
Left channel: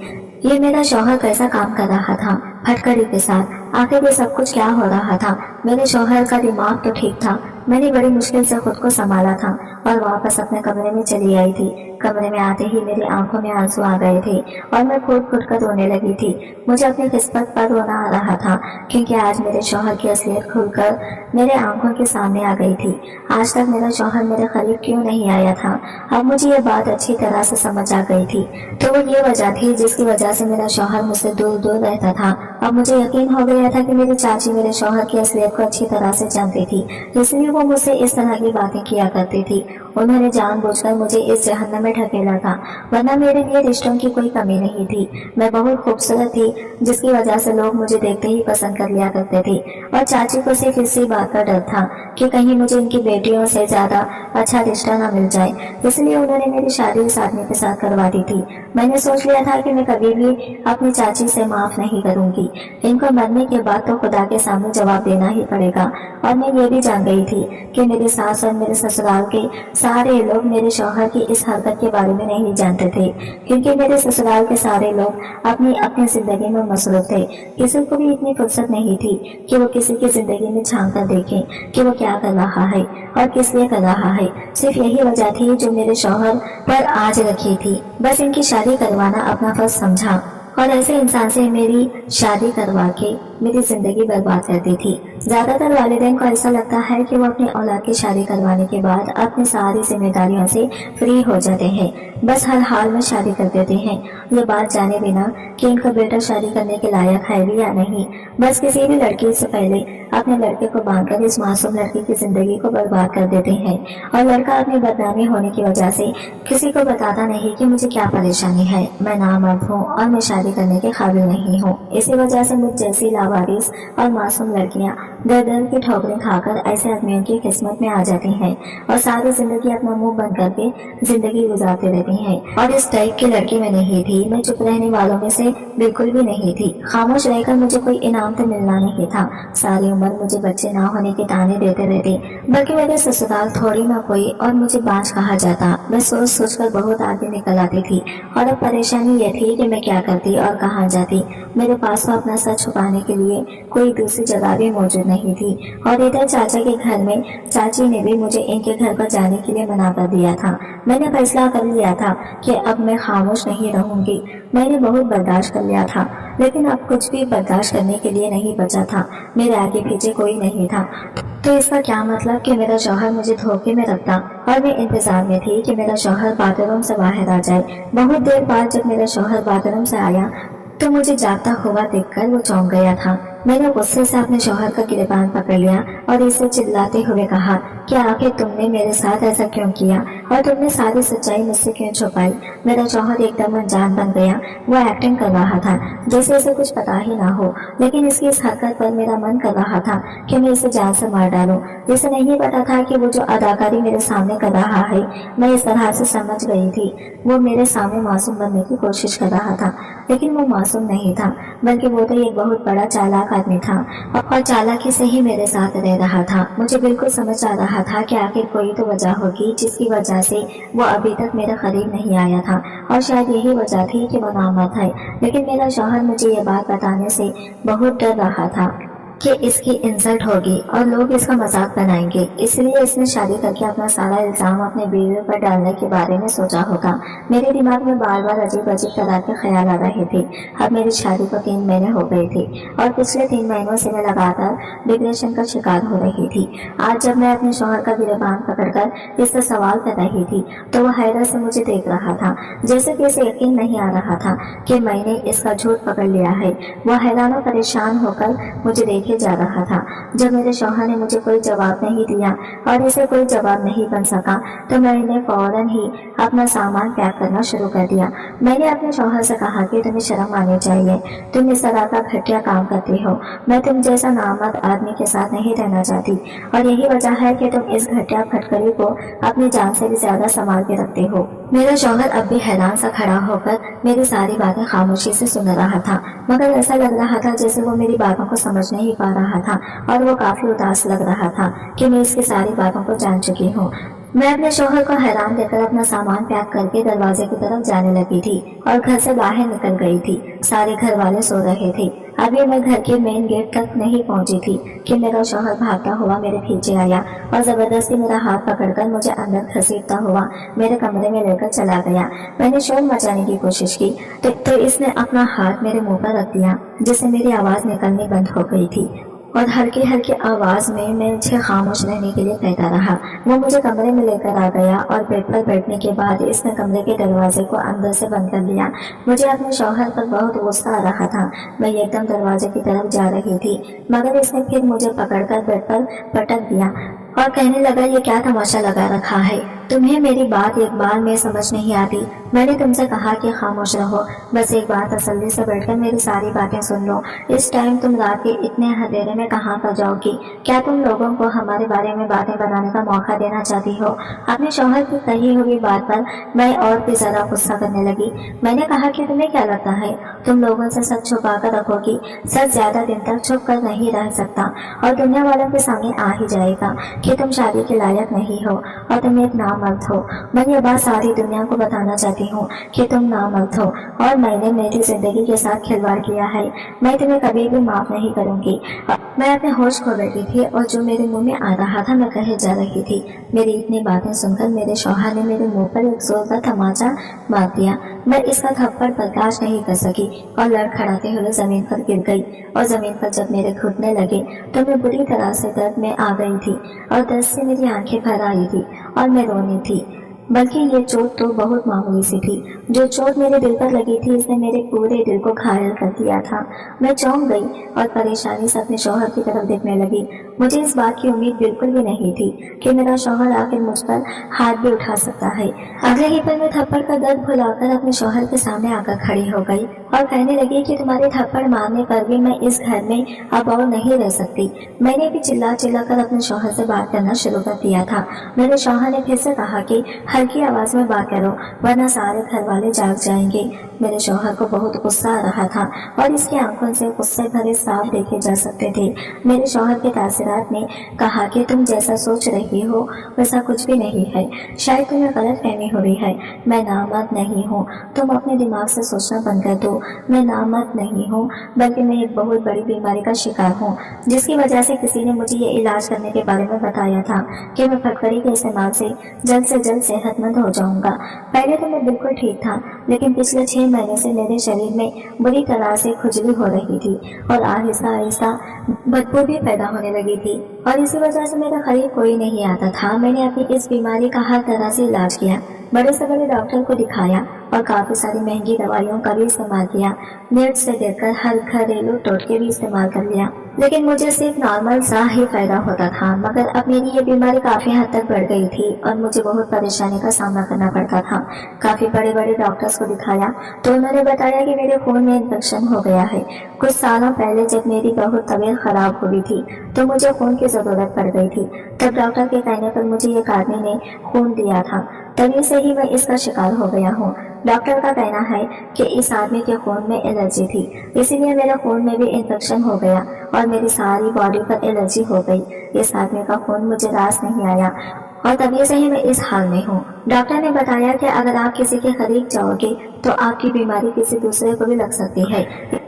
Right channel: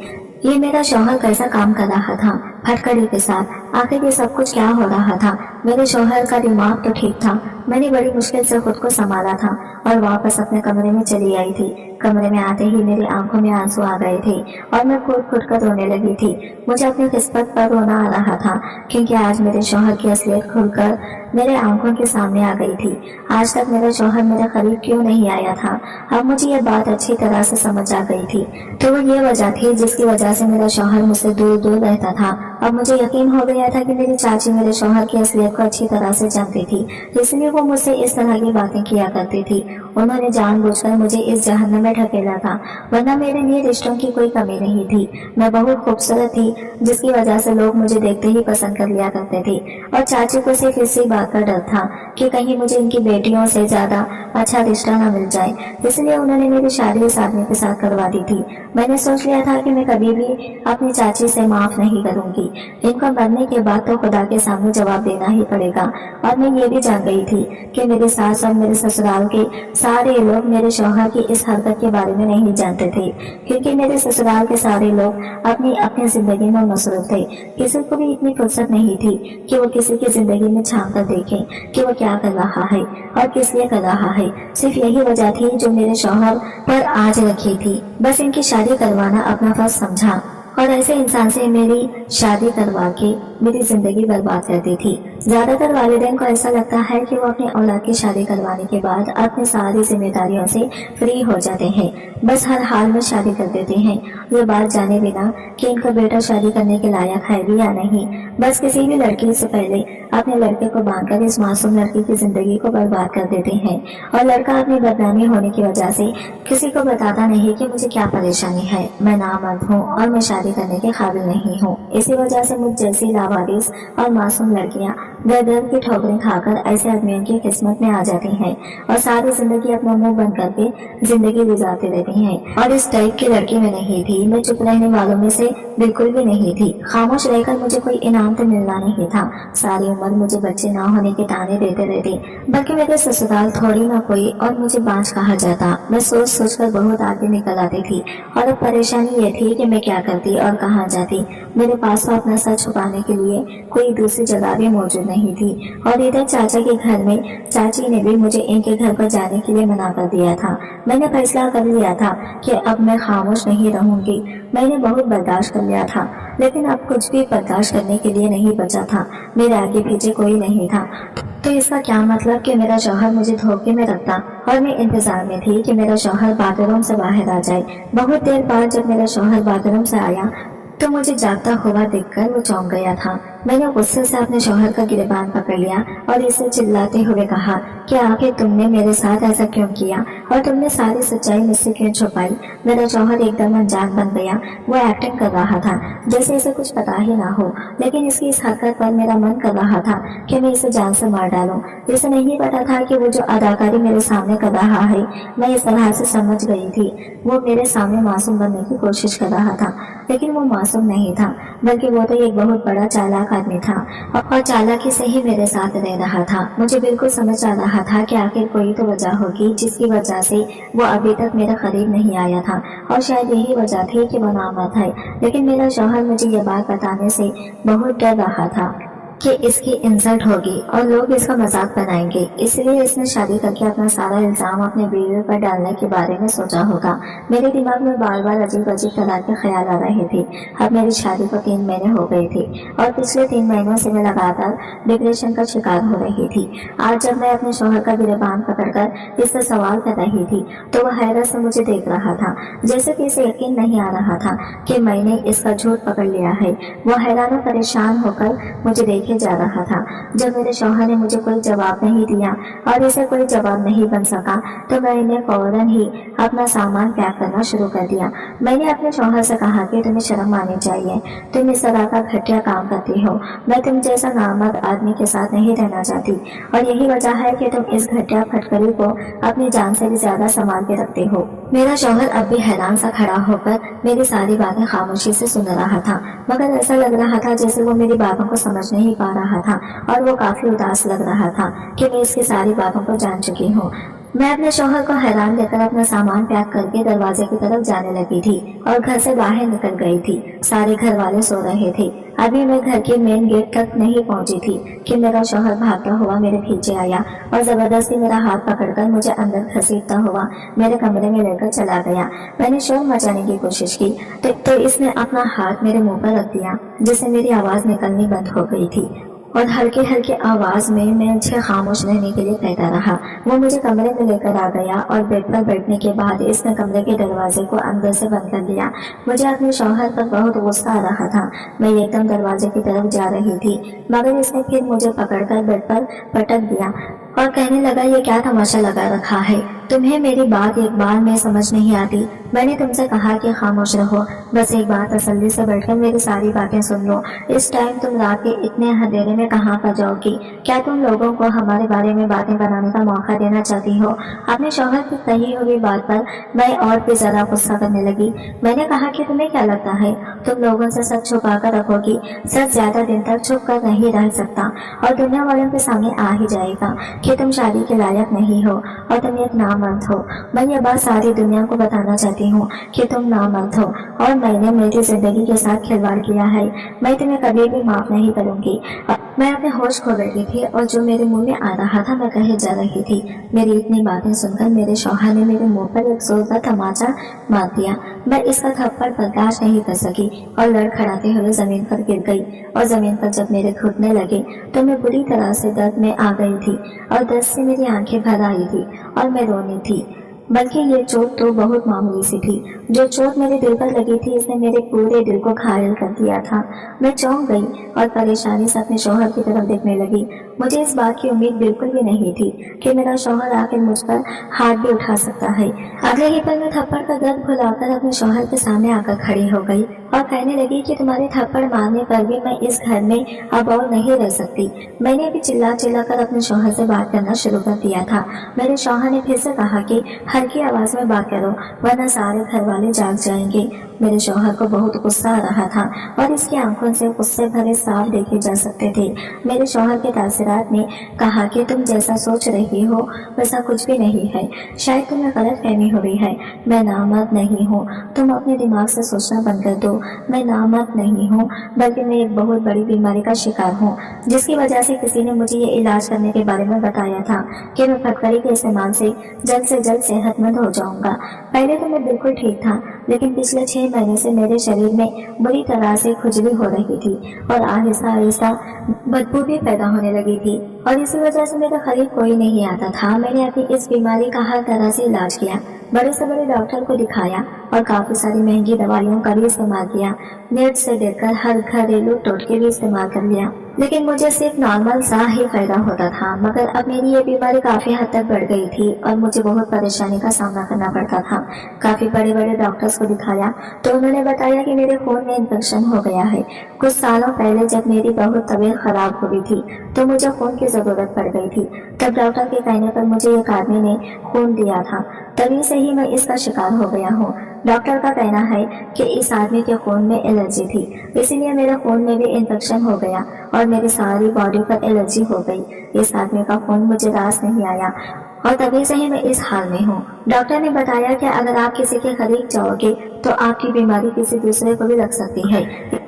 ये मेरा शौहर कैसा काम कर रहा था फटकड़ी के साथ। आखिर ये सब कुछ क्या हो रहा था। मेरे शौहर का दिमाग तो ठीक था। मैंने बड़ी मुश्किल से खुद को संभाला था और वापस अपने कमरे में चली आई थी। कमरे में आते ही मेरी आंखों में आंसू आ गए थे और मैं फूट फूट कर रोने लगी थी। मुझे अपनी किस्मत पर रोना आ रहा था, क्योंकि आज मेरे शौहर की असलियत खुलकर मेरे आंखों के सामने आ गई थी। आज तक मेरा शौहर मेरे करीब क्यों नहीं आया था, अब मुझे ये बात अच्छी तरह से समझ आ गई थी। तो वो ये वजह थी जिसकी वजह से मेरा शौहर मुझसे दूर दूर रहता था। अब मुझे यकीन हो गया था कि मेरी चाची मेरे शौहर की असलियत को अच्छी तरह से जानती थी, इसलिए वो मुझसे इस तरह की बातें किया करती थी। उन्होंने जानबूझकर मुझे इस जहन्नम में ढकेला था, वरना मेरे लिए रिश्तों की कोई कमी नहीं थी। मैं बहुत खूबसूरत थी, जिसकी वजह से लोग मुझे देखते ही पसंद कर लिया करते थे। और चाची को सिर्फ इसी बात का डर था कि कहीं मुझे इनकी बेटियों से ज्यादा अच्छा रिश्ता ना मिल जाए, इसलिए उन्होंने मेरी शादी इस आदमी के साथ करवा दी थी। मैंने सोच लिया था कि मैं कभी भी अपनी चाची से माफ नहीं करूंगी। इनको मरने के बाद तो खुदा के सामने जवाब देना ही पड़ेगा। और मैं ये भी जान गई थी कि मेरे सास और मेरे ससुराल के सारे लोग मेरे शौहर की इस हरकत के बारे में नहीं जानते थे, क्योंकि मेरे ससुराल के सारे लोग अपनी अपनी जिंदगी में मसरूफ थे। किसी को भी इतनी फुर्सत नहीं थी कि वो किसी की जिंदगी में झांक कर देखें कि वो क्या कर रहा है और किस लिए कर रहा है। सिर्फ यही वजह थी जो मेरे शौहर पर आज रखी थी। बस इनकी शादी करवाना अपना फर्ज समझा और ऐसे इंसान से मेरी शादी करवा के मेरी जिंदगी बर्बाद कर दी थी। ज्यादातर वालिदैन को ऐसा लगता है कि वो अपनी औलाद की शादी करवाने के बाद अपनी सारी जिम्मेदारियों से फ्री हो जाते हैं, बस हर हाल में शादी कर देते हैं, ये बात जाने बिना कि इनका बेटा शादी करने के लायक है भी या नहीं। बस किसी भी लड़की से पहले अपने लड़के को बांधकर इस मासूम लड़की की जिंदगी को बर्बाद कर देते हैं और लड़का अपनी बदनामी होने की वजह से किसी को बताता नहीं कि मुझे क्या परेशानी है, मैं नामर्द हूँ और मैं शादी करने के काबिल नहीं हूँ। इसी वजह से मुझ जैसी लावारिस और मासूम लड़कियाँ दर दर की ठोकरें खाकर ऐसे आदमियों की किस्मत में आ जाती हैं और सारी जिंदगी अपना मुंह बंद करके जिंदगी गुजारती रहती हैं। और इस टाइप की लड़की मैं नहीं थी। मैं चुप रहने वालों में से बिल्कुल भी नहीं थी। खामोश रहकर मुझे कोई इनाम तो मिलना नहीं था। सारी उम्र मुझे बच्चे ना होने के ताने देते रहते, बल्कि मेरे ससुराल थोड़ी ना कोई और मुझे बांझ कहा जाता। मैं सोच सोच कर बहुत आगे निकल आती थी और अब परेशानी ये थी कि मैं क्या करती और कहाँ जाती। मेरे पास तो अपना सच छुपाने के लिए कोई दूसरी जगह भी मौजूद नहीं थी। और इधर चाचा के घर में चाची ने भी मुझे इनके घर पर जाने के लिए मना कर दिया था। मैंने फैसला कर लिया था कि अब मैं खामोश नहीं रहूंगी। मैंने बहुत बर्दाश्त कर लिया था, लेकिन अब कुछ भी बर्दाश्त करने के लिए नहीं बचा था। मेरे आगे पीछे कोई नहीं था, तो इसका क्या मतलब कि मेरा शौहर मुझे धोखे में रखता। और मैं इंतजार में थी कि मेरा शौहर बाथरूम से बाहर आ जाए। बहुत देर बाद जब मेरा शौहर बाथरूम से आया तो मुझे जागता हुआ देखकर वो चौंक गया था। मैंने गुस्से से अपने शौहर का गिरबान पकड़ लिया और इसे चिल्लाते हुए कहा कि आखिर तुमने मेरे साथ ऐसा क्यों किया और तुमने सारी सच्चाई मुझसे क्यों छुपाई? मेरा शौहर एकदम अनजान बन गया। वो एक्टिंग कर रहा था जैसे इसे कुछ पता ही ना हो, लेकिन इसकी इस हरकत पर मेरा मन कर रहा था कि मैं इसे जान से मार डालूं। इसे नहीं पता था कि वो जो अदाकारी मेरे सामने कर रहा है मैं इस तरह से समझ गई थी। वो मेरे सामने मासूम बनने की कोशिश कर रहा था, लेकिन वो मासूम नहीं था, बल्कि वो तो एक बहुत बड़ा चालाक आदमी था और चालाकी से ही मेरे साथ रह रहा था। मुझे बिल्कुल समझ आ रहा था कि आखिर कोई तो वजह होगी जिसकी वजह से वो अभी तक मेरे करीब नहीं आया था, और शायद यही वजह थी कि वो नामर्द है। लेकिन मेरा शौहर मुझे ये बात बताने से बहुत डर रहा था कि इसकी इंसल्ट होगी और लोग इसका मजाक बनाएंगे, इसलिए इसने शादी करके अपना सारा इल्जाम अपने बीवी पर डालने के बारे में सोचा होगा। मेरे दिमाग में बार बार अजीब अजीब तरह के ख्याल आ रहे थे। अब मेरी शादी को 3 महीने हो गए थे और पिछले 3 महीनों से मैं लगातार डिप्रेशन का शिकार हो रही थी। आज जब मैं अपने शौहर का गिरबान पकड़कर इससे सवाल कर रही थी तो वह हैरत से मुझे देख रहा था, जैसे कि इसे यकीन नहीं आ रहा था कि मैंने इसका झूठ पकड़ लिया है। वह हैरान और परेशान होकर मुझे देखे जा रहा था। जब मेरे शौहर ने मुझे कोई जवाब नहीं दिया और इसे कोई जवाब नहीं बन सका तो मैंने फौरन ही अपना सामान पैक करना शुरू कर दिया। मैंने अपने शौहर से कहा कि तुम्हें शर्म आनी चाहिए, तुम इस तरह का घटिया काम करती हो। मैं तुम जैसा नामर्द आदमी के साथ नहीं रहना चाहती और यही वजह है कि तुम इस घटिया फटकरी को अपनी जान से भी ज्यादा संभाल के रखते हो। मेरा शौहर अब भी हैरान सा खड़ा होकर मेरी सारी बातें खामोशी से सुन रहा था, मगर ऐसा लग रहा था जैसे वो मेरी बातों को समझ नहीं पा रहा था और वो काफी उदास लग रहा था कि मैं इसकी सारी बातों को जान चुकी हूँ। मैं अपने शौहर को हैरान देखकर अपना सामान पैक करके दरवाजे की तरफ जाने लगी थी और घर से बाहर निकल गई थी। सारे घर वाले सो रहे थे। अभी मैं घर के मेन गेट तक नहीं पहुंची थी कि मेरा शौहर भागता हुआ मेरे पीछे आया और जबरदस्ती मेरा हाथ पकड़कर मुझे अंदर घसीटता हुआ मेरे कमरे में लेकर चला गया। मैंने शोर मचाने की कोशिश की तो इसने अपना हाथ मेरे मुंह पर रख दिया, जिससे मेरी आवाज निकलनी बंद हो गई थी और हल्की हल्की आवाज में मैं मुझे खामोश रहने के लिए कहता रहा। वो मुझे कमरे में लेकर आ गया और बेड पर बैठने के बाद इसने कमरे के दरवाजे को अंदर से बंद कर लिया। मुझे अपने शौहर पर बहुत गुस्सा आ रहा था। मैं एकदम दरवाजे की तरफ जा रही थी, मगर इसने फिर मुझे पकड़कर बेड पर पटक दिया और कहने लगा, ये क्या तमाशा लगा रखा है? तुम्हें मेरी बात एक बार में समझ नहीं आती? मैंने तुमसे कहा कि खामोश रहो, बस एक बार तसल्ली से बैठकर मेरी सारी बातें सुन लो। इस टाइम तुम रात के इतने अंधेरे में कहाँ पर जाओगी? क्या तुम लोगों को हमारे बारे में बातें बनाने का मौका देना चाहती हो? अपने शौहर की कही हुई बात पर मैं और भी ज्यादा गुस्सा करने लगी। मैंने कहा कि तुम्हें क्या लगता है तुम लोगों से सच छुपा कर रखोगी? सच ज्यादा दिन तक छुप कर नहीं रह सकता और दुनिया वालों के सामने आ ही जाएगा कि तुम शादी के लायक नहीं हो और तुम एक नामर्द हो। मैं ये बात सारी दुनिया को बताना चाहती हूँ कि तुम नामर्द हो और मैंने मेरी जिंदगी के साथ खिलवाड़ किया है। मैं तुम्हें कभी भी माफ नहीं करूंगी। मैं अपने होश खो बैठी थी और जो मेरे मुंह में आ रहा था मैं कहे जा रही थी। मेरी इतनी बातें सुनकर मेरे शौहर ने मेरे मुंह पर एक जोरदार तमाचा मार दिया। मैं इसका थप्पड़ बर्दाश्त नहीं कर सकी और लड़खड़ाते हुए जमीन पर गिर गई और जमीन पर जब मेरे घुटने लगे तो मैं बुरी तरह से दर्द में आ गई थी और दर्द से मेरी आंखें भर आई थी और मैं रोनी थी। बल्कि ये चोट तो बहुत मामूली सी थी। जो चोट मेरे दिल पर लगी थी इसने मेरे पूरे दिल को घायल कर दिया था। मैं चौंक गई और परेशानी से अपने शौहर की तरफ देखने लगी। मुझे इस बात की उम्मीद बिल्कुल भी नहीं थी कि मेरा शौहर आखिर मुझ पर हाथ भी उठा सकता है। अगले ही पल में थप्पड़ का दर्द भुलाकर अपने शौहर के सामने आकर खड़ी हो गई और कहने लगी कि तुम्हारे थप्पड़ मारने पर भी मैं इस घर में अब और नहीं रह सकती। मैंने भी चिल्ला चिल्ला कर अपने शौहर से बात करना शुरू कर दिया था। मेरे शौहर ने फिर से कहा कि हल्की आवाज में बात करो वरना सारे घर वाले जाग जाएंगे। मेरे शौहर को बहुत गुस्सा आ रहा था और इसकी आंखों से गुस्से भरे साफ देखे जा सकते थे। मेरे शौहर के तासीरात ने कहा कि तुम जैसा सोच रही हो वैसा कुछ भी नहीं है, शायद तुम्हें गलत फहमी हो रही है। मैं नामर्द नहीं हूँ, तुम अपने दिमाग से सोचना बंद कर दो। मैं नामर्द नहीं हूँ, बल्कि मैं एक बहुत बड़ी बीमारी का शिकार हूँ, जिसकी वजह से किसी ने मुझे ये इलाज करने के बारे में बताया था कि मैं फटकरी के इस्तेमाल से जल्द सेहतमंद हो जाऊंगा। पहले तो मैं बिल्कुल ठीक था, लेकिन पिछले 6 महीने से मेरे शरीर में बुरी तरह से खुजली हो रही थी और आहिस्ता आहिस्ता बदबू भी पैदा होने लगी थी और इसी वजह से मेरे करीब कोई नहीं आता था। मैंने अपनी इस बीमारी का हर तरह से इलाज किया, बड़े से बड़े डॉक्टर को दिखाया और काफी सारी महंगी दवाइयों का भी इस्तेमाल किया। नेट से देखकर हर घरेलू टोटके भी इस्तेमाल कर लिया। लेकिन मुझे सिर्फ नॉर्मल सा ही फायदा होता था, मगर अब मेरी ये बीमारी काफी हद तक बढ़ गई थी और मुझे बहुत परेशानी का सामना करना पड़ता था। काफी बड़े बड़े डॉक्टर्स को दिखाया तो उन्होंने बताया कि मेरे खून में इन्फेक्शन हो गया है। कुछ सालों पहले जब मेरी बहुत तबीयत खराब हुई थी तो मुझे खून की जरूरत पड़ गई थी। तब डॉक्टर के कहने पर मुझे एक आदमी ने खून दिया था, तभी से ही मैं इसका शिकार हो गया हूँ। डॉक्टर का कहना है कि इस आदमी के खून में एलर्जी थी, इसीलिए मेरे खून में भी इन्फेक्शन हो गया और मेरी सारी बॉडी पर एलर्जी हो गई। इस आदमी का खून मुझे रास नहीं आया और तभी से ही मैं इस हाल में हूँ। डॉक्टर ने बताया कि अगर आप किसी के करीब जाओगे तो आपकी बीमारी किसी दूसरे को भी लग सकती है,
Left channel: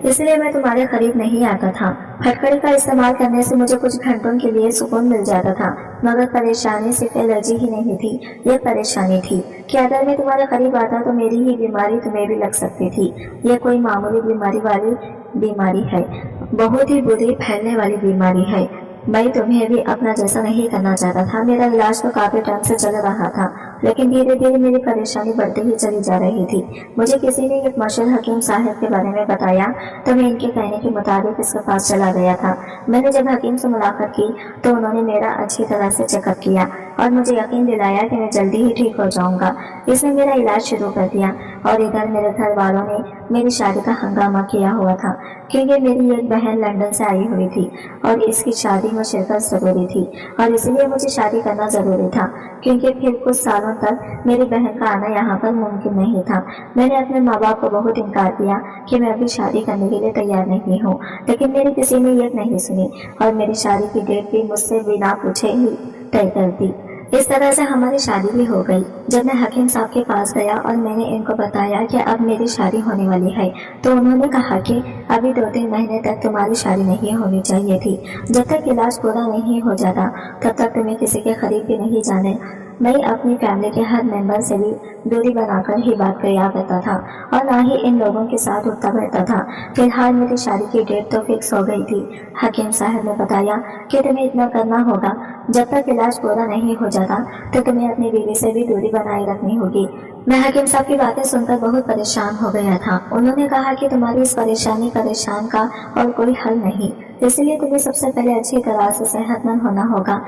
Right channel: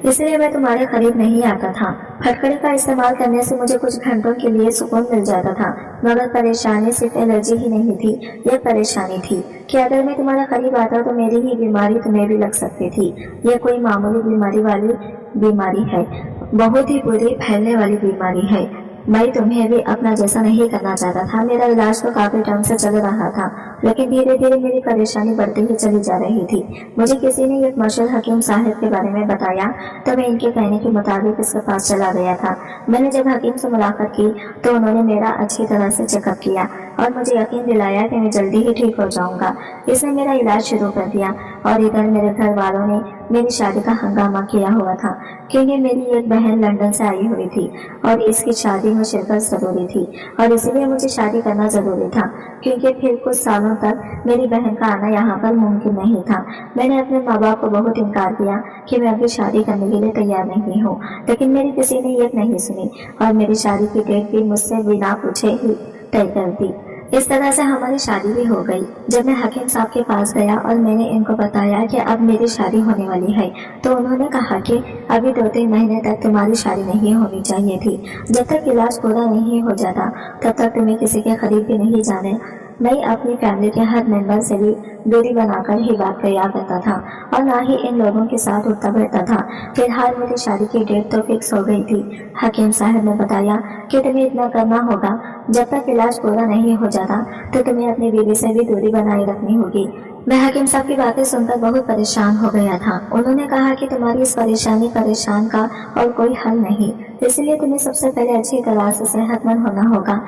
इसलिए मैं तुम्हारे करीब नहीं आता था। फटकड़ी का इस्तेमाल करने से मुझे कुछ घंटों के लिए सुकून मिल जाता था, मगर परेशानी सिर्फ एलर्जी ही नहीं थी, यह परेशानी थी कि अगर मैं तुम्हारे करीब आता तो मेरी ही बीमारी तुम्हें भी लग सकती थी। यह कोई मामूली बीमारी वाली बीमारी है, बहुत ही बुरी फैलने वाली बीमारी है। मैं तुम्हें भी अपना जैसा नहीं करना चाहता था। मेरा इलाज तो काफी टाइम से चल रहा था, लेकिन धीरे धीरे मेरी परेशानी बढ़ती ही चली जा रही थी। मुझे किसी ने एक मशहूर हकीम साहब के बारे में बताया तो मैं इनके कहने के मुताबिक इसके पास चला गया था। मैंने जब हकीम से मुलाकात की तो उन्होंने मेरा अच्छी तरह से चेकअप किया और मुझे यकीन दिलाया कि मैं जल्दी ही ठीक हो जाऊंगा। इसने मेरा इलाज शुरू कर दिया और इधर मेरे घर वालों ने मेरी शादी का हंगामा किया हुआ था, क्योंकि मेरी एक बहन लंदन से आई हुई थी और इसकी शादी में शिरकत जरूरी थी और इसलिए मुझे शादी करना जरूरी था, क्योंकि फिर कुछ सालों तक मेरी बहन का आना यहाँ पर मुमकिन नहीं था। मैंने अपने माँ बाप को बहुत इनकार किया कि मैं अभी शादी करने के लिए तैयार नहीं हूँ, लेकिन मेरी किसी ने ये नहीं सुनी और मेरी शादी की डेट भी मुझसे बिना पूछे ही तय कर दी। इस तरह से हमारी शादी भी हो गई। जब मैं हकीम साहब के पास गया और मैंने इनको बताया कि अब मेरी शादी होने वाली है तो उन्होंने कहा कि अभी 2-3 महीने तक तुम्हारी शादी नहीं होनी चाहिए थी। जब तक इलाज पूरा नहीं हो जाता तब तक तुम्हें किसी के करीब भी नहीं जाने। मैं अपनी फैमिली के हर मेंबर से भी दूरी बनाकर ही बात किया करता था और ना ही इन लोगों के साथ उठता बैठता था। फिलहाल मेरी शादी की डेट तो फिक्स हो गई थी। हकीम साहब ने बताया कि तुम्हें इतना करना होगा, जब तक इलाज पूरा नहीं हो जाता तो तुम्हें अपनी बीवी से भी दूरी बनाए रखनी होगी। मैं हकीम साहब की बातें सुनकर बहुत परेशान हो गया था। उन्होंने कहा कि तुम्हारी इस परेशान का और कोई हल नहीं, इसलिए तुम्हें सबसे पहले अच्छी तरह से सेहतमंद होना होगा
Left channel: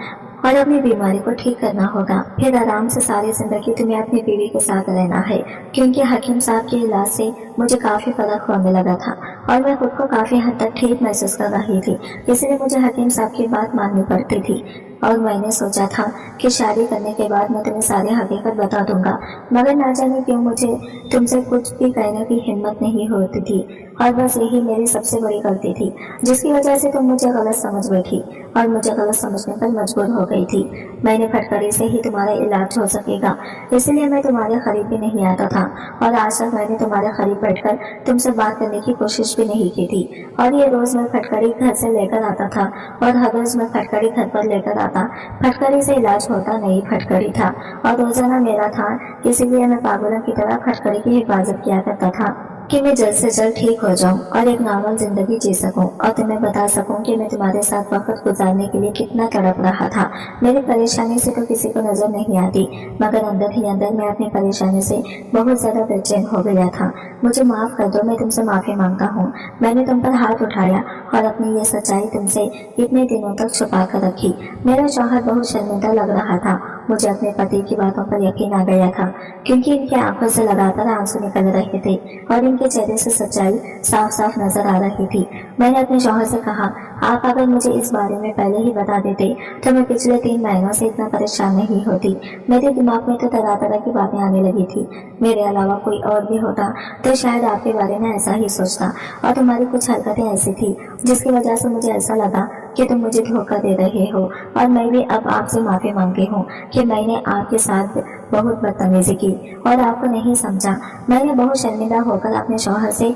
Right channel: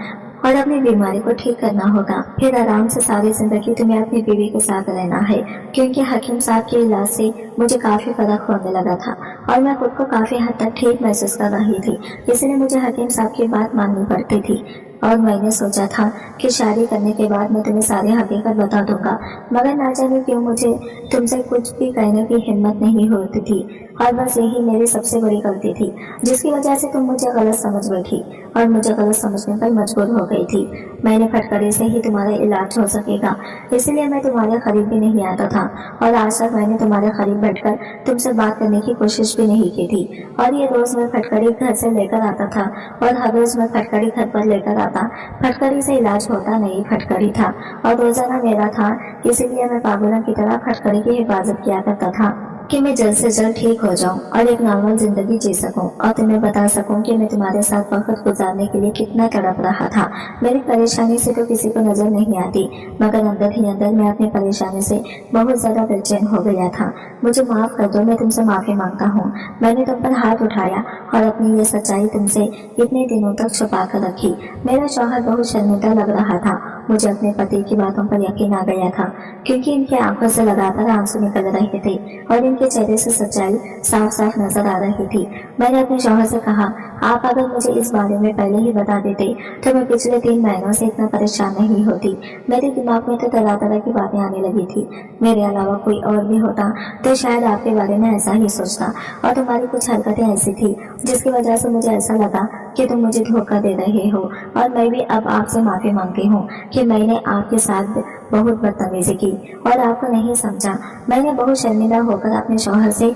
और अपनी बीमारी को ठीक करना होगा। फिर आराम से सारी जिंदगी तुम्हें अपनी बीवी के साथ रहना है, क्योंकि हकीम साहब के इलाज से मुझे काफी फर्क होने लगा था और मैं खुद को काफी हद तक ठीक महसूस कर रही थी, इसलिए मुझे हकीम साहब की बात माननी पड़ती थी। और मैंने सोचा था कि शादी करने के बाद मैं तुम्हें सारी हकीकत बता दूंगा, मगर ना जाने क्यों मुझे तुमसे कुछ भी कहने की हिम्मत नहीं होती थी और बस यही मेरी सबसे बड़ी गलती थी, जिसकी वजह से तुम मुझे गलत समझ बैठी और मुझे गलत समझने पर मजबूर हो गई थी। मैंने फटकड़ी से ही तुम्हारा इलाज हो सकेगा, इसलिए मैं तुम्हारे करीब भी नहीं आता था और आज तक मैंने तुम्हारे करीब बैठकर तुमसे बात करने की कोशिश भी नहीं की थी। और ये रोज मैं फटकड़ी घर से लेकर आता था और हर रोज मैं फटकड़ी घर पर लेकर आता। फटकड़ी से इलाज होता नहीं फटकड़ी था और रोजाना मेरा था, इसीलिए मैं पागलों की तरह फटकड़ी की हिफाजत किया करता था कि मैं जल्द से जल्द ठीक हो जाऊं और एक नॉर्मल जिंदगी जी सकूं और तुम्हें बता सकूं कि मैं तुम्हारे साथ वक्त गुजारने के लिए कितना तड़प रहा था। मेरी परेशानी से तो किसी को नजर नहीं आती, मगर अंदर ही अंदर मैं अपनी परेशानी से बहुत ज्यादा बेचैन हो गया था। मुझे माफ कर दो, मैं तुमसे माफी मांगता हूँ। मैंने तुम पर हाथ उठाया और अपनी ये सच्चाई तुमसे इतने दिनों तक छुपा कर रखी। मेरा शौहर बहुत शर्मिंदा लग रहा था। मुझे अपने पति की बातों पर यकीन आ गया था, क्योंकि इनकी आंखों से लगातार आंसू निकल रहे थे और इनके चेहरे से सच्चाई साफ साफ नजर आ रही थी। मैंने अपने शौहर से कहा, आप अगर मुझे इस बारे में पहले ही बता देते तो मैं पिछले 3 महीनों से इतना परेशान नहीं होती। मेरे दिमाग में तो तरह तरह की बातें आने लगी थी। मेरे अलावा कोई और भी होता तो शायद आपके बारे में ऐसा ही सोचता, और तुम्हारी कुछ हरकतें ऐसी थी जिसकी वजह से मुझे ऐसा लगा कि तुम मुझे धोखा दे रहे हो। और मैं भी अब आपसे माफी मांगती हूँ कि मैंने आपके साथ बहुत बदतमीजी की और आपको नहीं समझा। मैंने बहुत शर्मिंदा होकर अपने शौहर से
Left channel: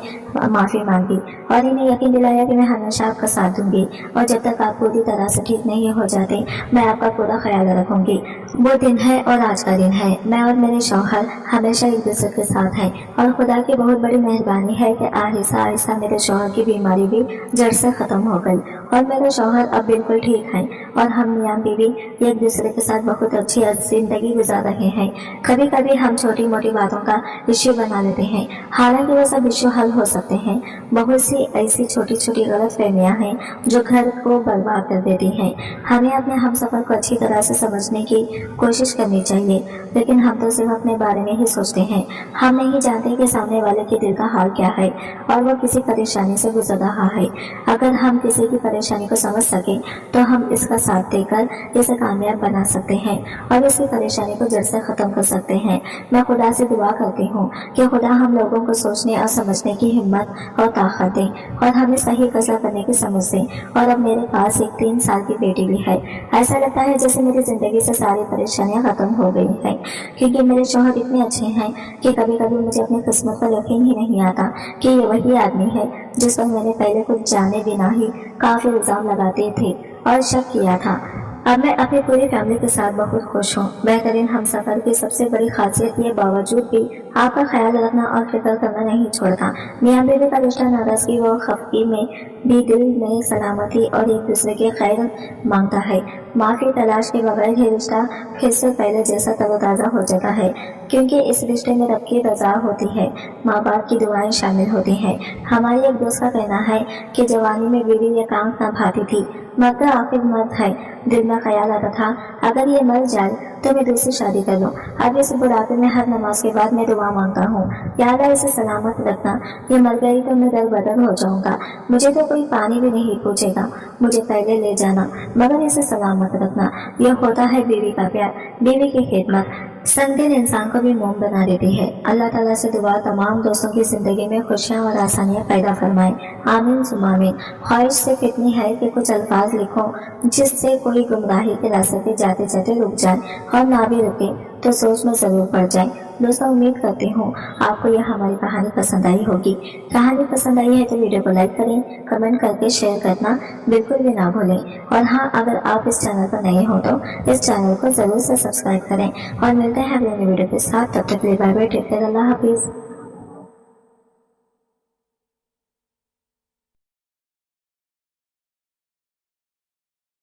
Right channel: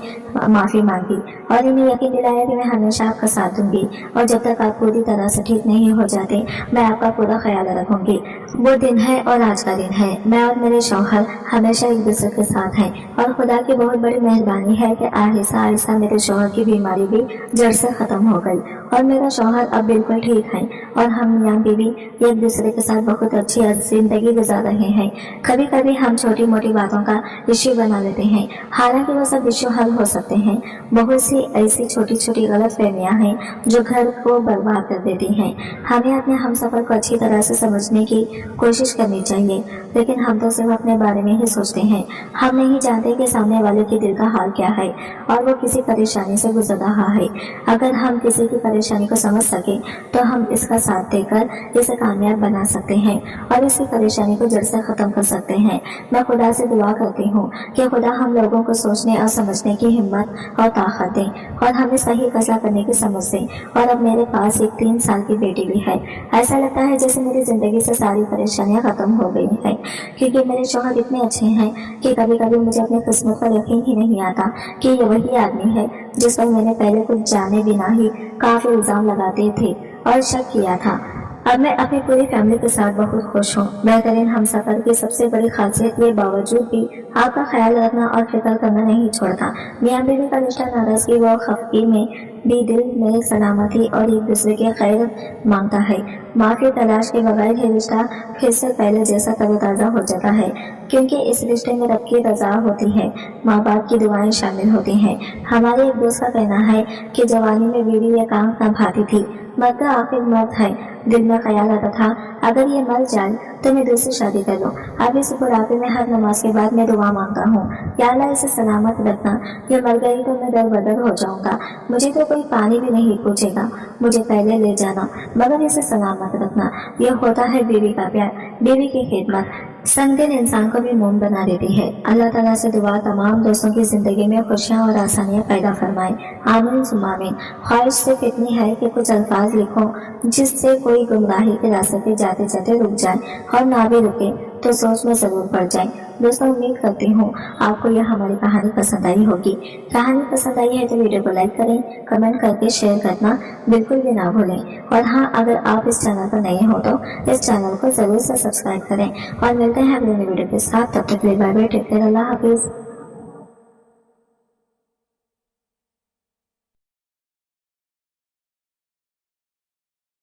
माफी मांगी और इन्हें यकीन दिलाया कि मैं हमेशा आपका साथ दूंगी और जब तक आप पूरी तरह से ठीक नहीं हो जाते मैं आपका पूरा ख्याल रखूंगी। वो दिन है और आज का दिन है। मैं और मेरे शौहर हमेशा एक दूसरे के साथ हैं और खुदा की बहुत बड़ी मेहरबानी है कि आहिस्ता आहिस्ता मेरे शौहर की बीमारी भी जड़ से खत्म हो गई और मेरा शौहर अब बिल्कुल ठीक है और हम मियां बीवी एक दूसरे के साथ बहुत अच्छी जिंदगी गुजार रहे हैं। कभी कभी हम छोटी मोटी बातों का इश्यू बना लेते हैं, हालांकि वो सब इश्यू हल हो सकते सकते हैं। बहुत सी ऐसी छोटी छोटी गलत फहमियाँ हैं जो घर को बर्बाद कर देती हैं। हमें अपने हमसफर को अच्छी तरह से समझने की कोशिश करनी चाहिए, लेकिन हम तो सिर्फ अपने बारे में ही सोचते हैं। हम नहीं जानते कि सामने वाले के दिल का हाल क्या है और वो किसी परेशानी से गुजर रहा है। अगर हम किसी की परेशानी को समझ सके तो हम इसका साथ देकर इसे कामयाब बना सकते हैं और इसकी परेशानी को जड़ से ख़त्म कर सकते हैं। मैं खुदा से दुआ करती हूँ कि खुदा हम लोगों को सोचने और समझने की हिम्मत और ताकत दे और हमें सही फैसला करने की समझ दे। और अब मेरे पास एक 3 साल की बेटी भी है। ऐसा लगता है जैसे मेरी ज़िंदगी से सारी परेशानियाँ ख़त्म हो गई हैं, क्योंकि मेरे शौहर इतने अच्छे हैं कि कभी कभी मुझे अपनी किस्मत पर यकीन ही नहीं आता कि ये वही आदमी है जिस पर मैंने पहले कुछ जाने बिना ही काफ़ी इल्ज़ाम लगाते थे और शक किया था। अब मैं अपनी पूरी फैमिली के साथ बहुत खुश हूँ। बेहतरीन हमसफर की सबसे बड़ी खासियत ये बावजूद भी आपका ख्याल रखना और फिक्र करना नहीं छोड़ता। मियाँ बीवी का रिश्ता नाराज़गी व खफगी में भी दिल में सलामती और एक दूसरे के खैर मांगता है। माफ़ी तलाश के बगैर ही रिश्ता फिर से पहले जैसा तरोताज़ा हो जाता है, क्योंकि इस रिश्ते में रब की रज़ा होती है, माँ बाप की दुआएं शामिल होती हैं। हमारे एक दोस्त का कहना है कि जवानी में बीवी ये आंख न भाती थी, मर्द आखिर मर्द है। दिल में ख्याल आता था अगर ये मर जाए तो मैं दूसरी शादी कर लूँ। अब इस बुढ़ापे में हर नमाज के बाद मैं दुआ मांगता हूँ, या अल्लाह इसे सलामत रखना। ये मर गई तो मैं दर बदर हो जाऊँगा। मुझे तो कोई पानी भी नहीं पूछेगा, मुझे पहले ले जाना, मगर इसे सलामत रखना। यह होता है बीवी का प्यार, बीवी की खिदमत। संग दिल इंसान को भी मोम बना देती है। अल्लाह ताला से दुआ तमाम दोस्तों की ज़िंदगी में खुशियाँ और आसानियाँ पैदा फरमाए। आमीन सुम्मा आमीन। ख्वाहिश सिर्फ इतनी है कि कुछ अल्फाज लिखो जिससे कोई गुमराही के रास्ते पे जाते जाते रुक जाए, और ना भी रुके तो सोच में ज़रूर पड़ जाए। दोस्तों, उम्मीद करती हूँ आपको यह हमारी कहानी पसंद आई होगी। कहानी पसंद आई है तो वीडियो को लाइक करें, कमेंट करके शेयर करना बिल्कुल भी ना भूलें। और हाँ, अगर आप इस चैनल पर नए हो तो इस चैनल को ज़रूर से सब्सक्राइब करें। और मिलते हैं अगले वीडियो के साथ। तब तक के लिए बाय बाय, टेक केयर, अल्लाह हाफिज़।